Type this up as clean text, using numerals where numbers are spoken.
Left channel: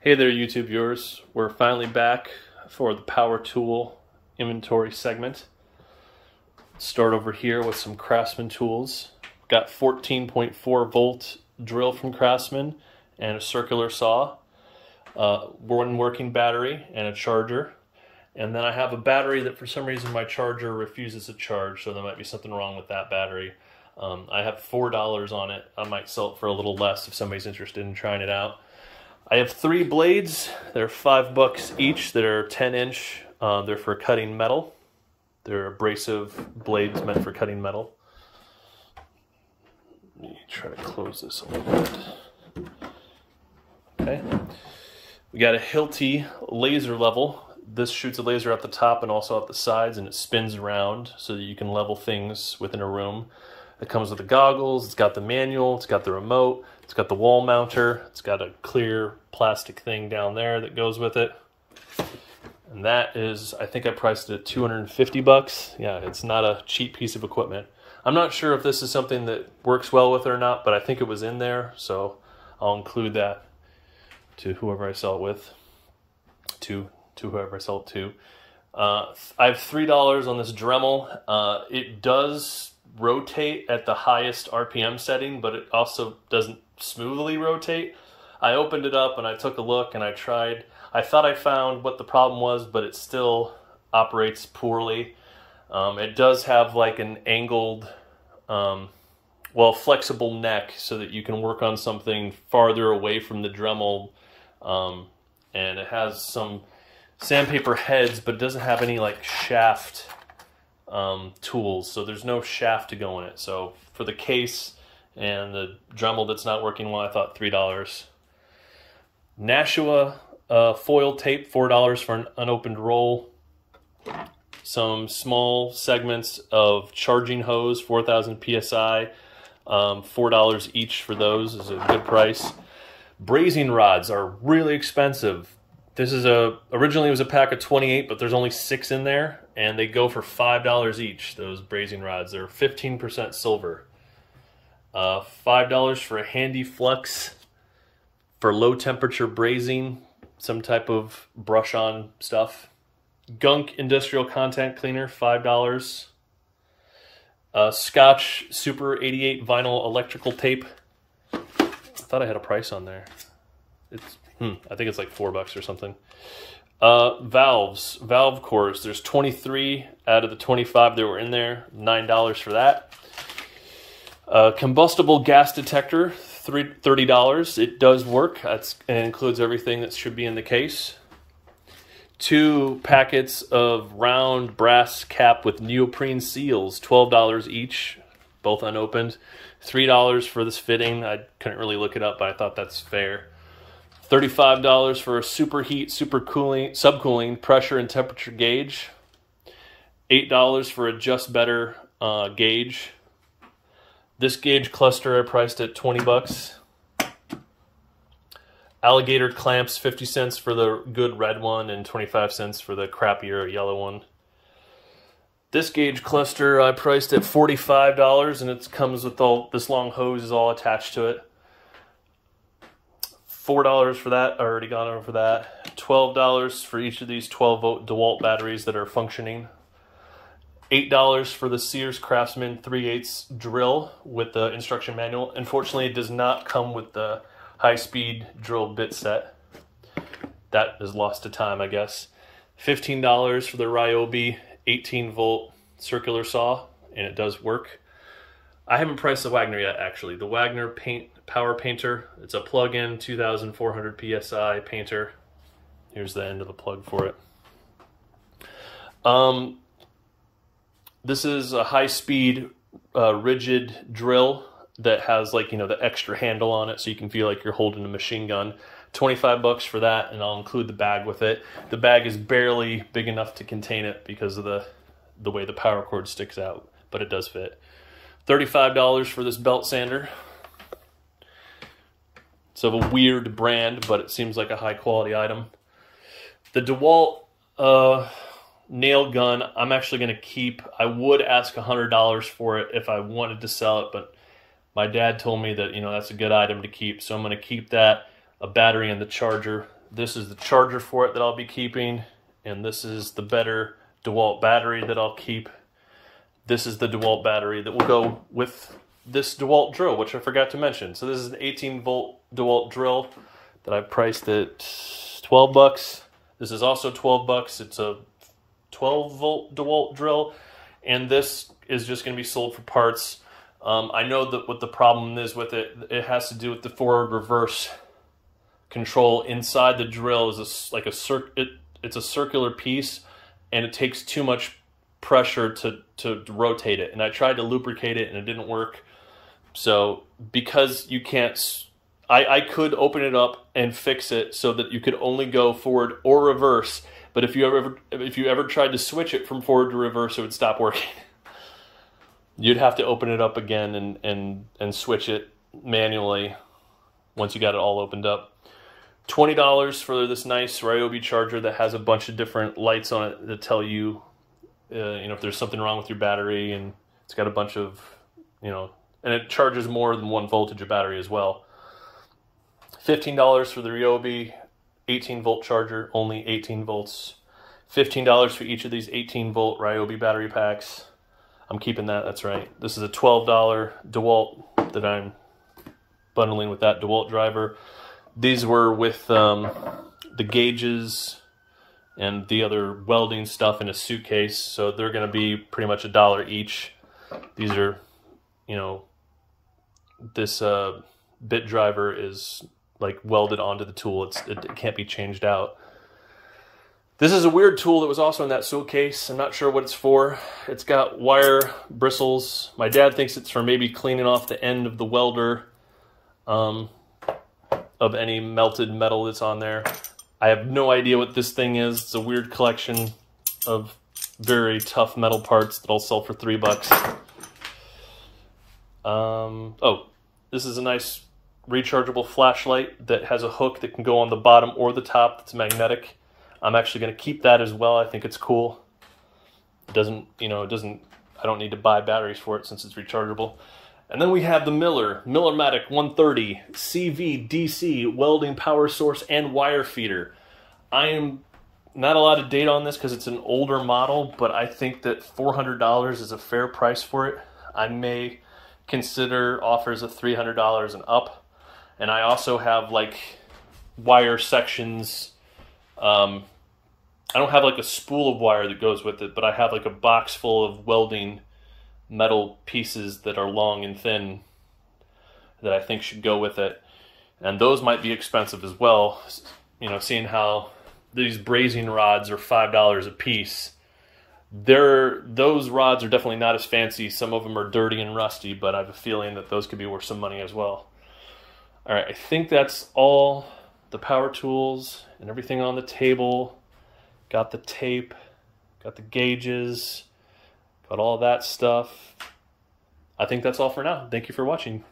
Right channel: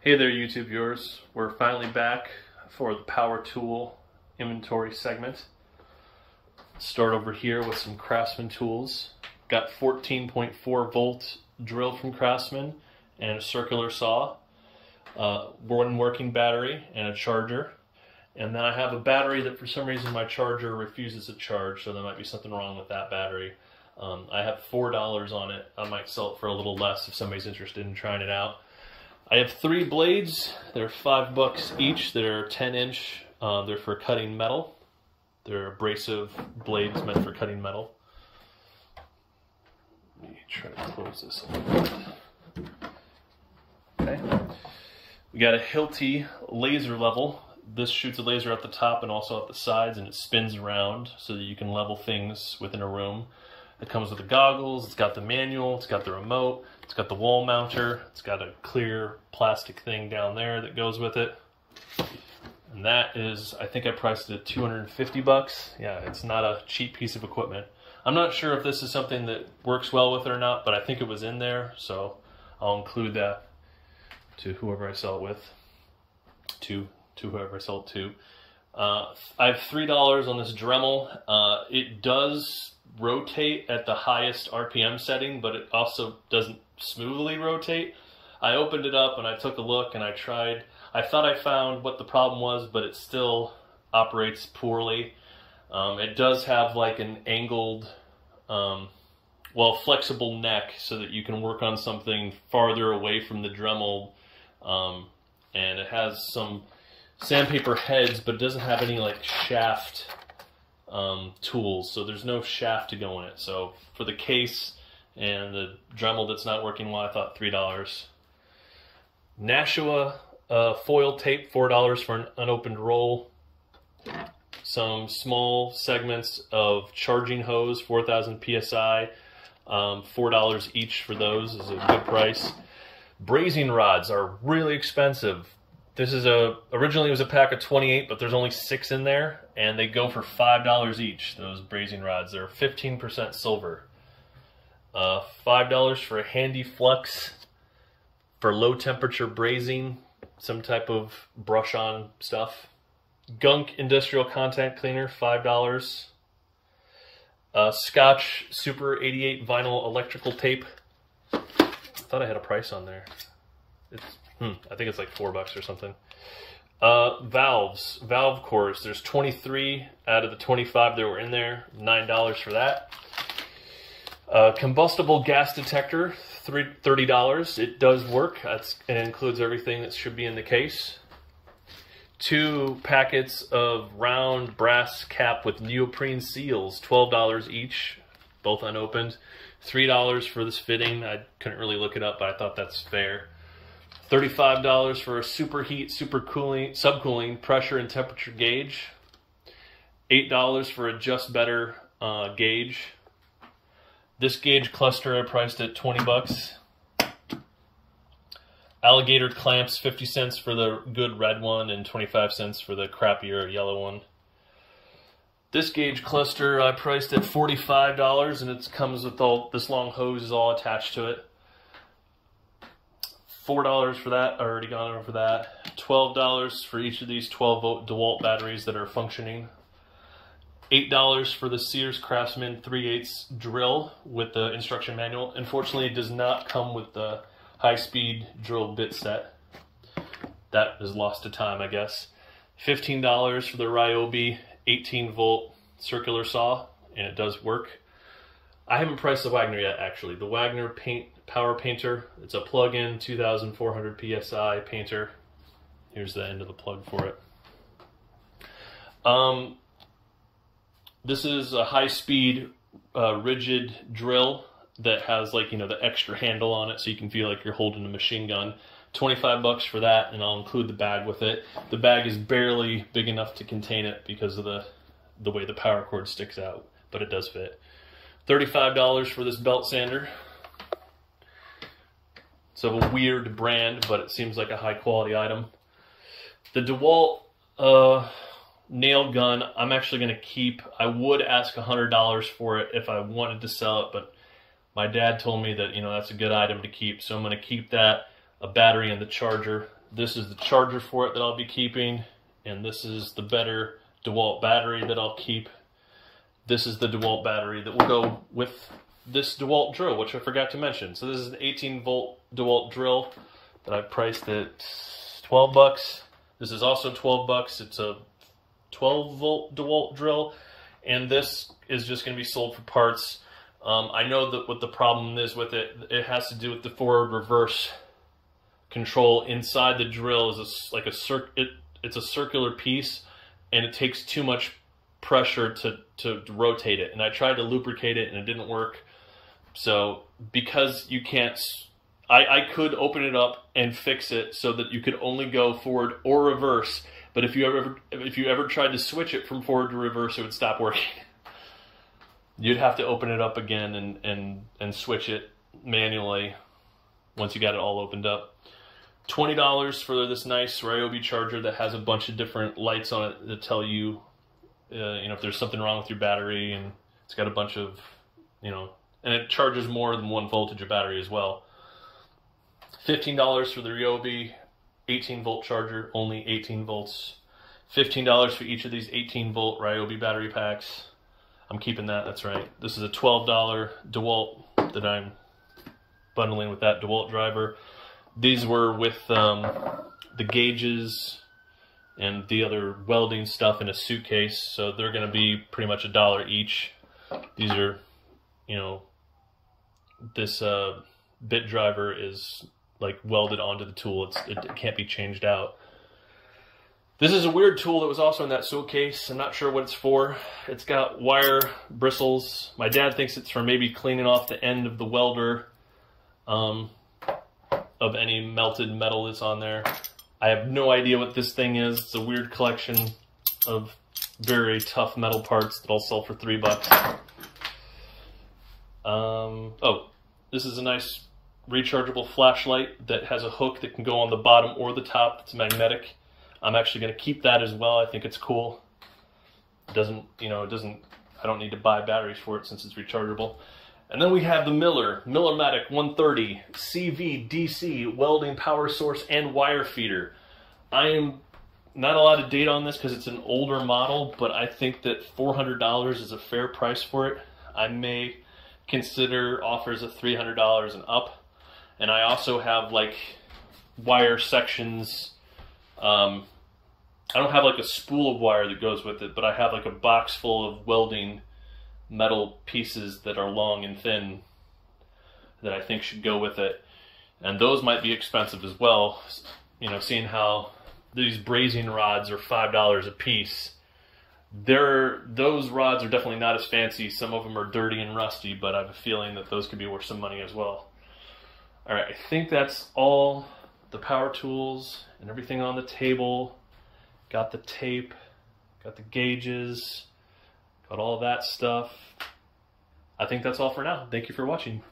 Hey there, YouTube viewers. We're finally back for the power tool inventory segment. Start over here with some Craftsman tools. Got 14.4 volt drill from Craftsman and a circular saw, one working battery and a charger. And then I have a battery that for some reason my charger refuses to charge, so there might be something wrong with that battery. I have $4 on it. I might sell it for a little less if somebody's interested in trying it out. I have 3 blades. They're $5 each that are 10-inch. They're for cutting metal. They're abrasive blades meant for cutting metal. Let me try to close this a little bit. Okay. We got a Hilti laser level. This shoots a laser at the top and also at the sides, and it spins around so that you can level things within a room. It comes with the goggles, it's got the manual, it's got the remote, it's got the wall mounter, it's got a clear plastic thing down there that goes with it. And that is, I think I priced it at $250. Yeah, it's not a cheap piece of equipment. I'm not sure if this is something that works well with it or not, but I think it was in there, so I'll include that to whoever I sell it with. To whoever I sell it to. I have $3 on this Dremel. It does rotate at the highest RPM setting, but it also doesn't smoothly rotate. I opened it up and I took a look and I tried. I thought I found what the problem was, but it still operates poorly. It does have like an angled, well, flexible neck so that you can work on something farther away from the Dremel. And it has some sandpaper heads, but it doesn't have any like shaft tools, so there's no shaft to go in it. So for the case and the Dremel that's not working well, I thought $3. Nashua foil tape, $4 for an unopened roll. Some small segments of charging hose, 4,000 PSI, $4 each for those is a good price. Brazing rods are really expensive. This is originally it was a pack of 28, but there's only 6 in there, and they go for $5 each, those brazing rods. They're 15% silver. $5 for a handy flux for low temperature brazing, some type of brush on stuff. Gunk industrial content cleaner, $5. Scotch Super 88 vinyl electrical tape. I thought I had a price on there. I think it's like $4 or something. Valves, valve cores. There's 23 out of the 25 that were in there. $9 for that. Combustible gas detector, $30. It does work. It includes everything that should be in the case. 2 packets of round brass cap with neoprene seals, $12 each, both unopened. $3 for this fitting. I couldn't really look it up, but I thought that's fair. $35 for a superheat, subcooling pressure and temperature gauge. $8 for a Just Better gauge. This gauge cluster I priced at $20. Alligator clamps, 50 cents for the good red one and 25 cents for the crappier yellow one. This gauge cluster I priced at $45, and it comes with this long hose is all attached to it. $4 for that, I already got over that. $12 for each of these 12-volt DeWalt batteries that are functioning. $8 for the Sears Craftsman 3/8 drill with the instruction manual. Unfortunately, it does not come with the high-speed drill bit set. That is lost to time, I guess. $15 for the Ryobi 18-volt circular saw, and it does work. I haven't priced the Wagner yet, actually. The Wagner Power Painter. It's a plug-in 2,400 PSI painter. Here's the end of the plug for it. This is a high-speed rigid drill that has, like, you know, the extra handle on it so you can feel like you're holding a machine gun. $25 for that, and I'll include the bag with it. The bag is barely big enough to contain it because of the way the power cord sticks out, but it does fit. $35 for this belt sander. It's of a weird brand, but it seems like a high quality item. The DeWalt nail gun, I'm actually going to keep. I would ask $100 for it if I wanted to sell it, but my dad told me that, you know, that's a good item to keep, so I'm going to keep that. A battery and the charger. This is the charger for it that I'll be keeping, and this is the better DeWalt battery that I'll keep. This is the DeWalt battery that will go with this DeWalt drill, which I forgot to mention. So this is an 18-volt DeWalt drill that I priced at 12 bucks. This is also 12 bucks. It's a 12-volt DeWalt drill, and this is just going to be sold for parts. I know that what the problem is with it, it has to do with the forward-reverse control inside the drill. Is it's a circular piece, and it takes too much pressure to rotate it. And I tried to lubricate it, and it didn't work. So because you can't, I could open it up and fix it so that you could only go forward or reverse. But if you ever tried to switch it from forward to reverse, it would stop working. You'd have to open it up again and switch it manually once you got it all opened up. $20 for this nice Ryobi charger that has a bunch of different lights on it that tell you, if there's something wrong with your battery, and it's got a bunch of, and it charges more than 1 voltage of battery as well. $15 for the Ryobi 18-volt charger, only 18 volts. $15 for each of these 18-volt Ryobi battery packs. I'm keeping that, that's right. This is a $12 DeWalt that I'm bundling with that DeWalt driver. These were with the gauges and the other welding stuff in a suitcase, so they're going to be pretty much $1 each. These are, this bit driver is like welded onto the tool. It can't be changed out. This is a weird tool that was also in that suitcase. I'm not sure what it's for. It's got wire bristles. My dad thinks it's for maybe cleaning off the end of the welder of any melted metal that's on there. I have no idea what this thing is. It's a weird collection of very tough metal parts that I'll sell for $3. Oh, this is a nice rechargeable flashlight that has a hook that can go on the bottom or the top that's magnetic. I'm actually going to keep that as well. I think it's cool. It doesn't, I don't need to buy batteries for it since it's rechargeable. And then we have the Millermatic 130 CV DC welding power source and wire feeder. I am not a lot of data on this because it's an older model, but I think that $400 is a fair price for it. I may consider offers of $300 and up. And I also have like wire sections. I don't have like a spool of wire that goes with it, but I have like a box full of welding metal pieces that are long and thin that I think should go with it. And those might be expensive as well. Seeing how these brazing rods are $5 a piece. Those rods are definitely not as fancy. Some of them are dirty and rusty, but I have a feeling that those could be worth some money as well. All right, I think that's all the power tools and everything on the table. Got the tape, got the gauges, got all of that stuff. I think that's all for now. Thank you for watching.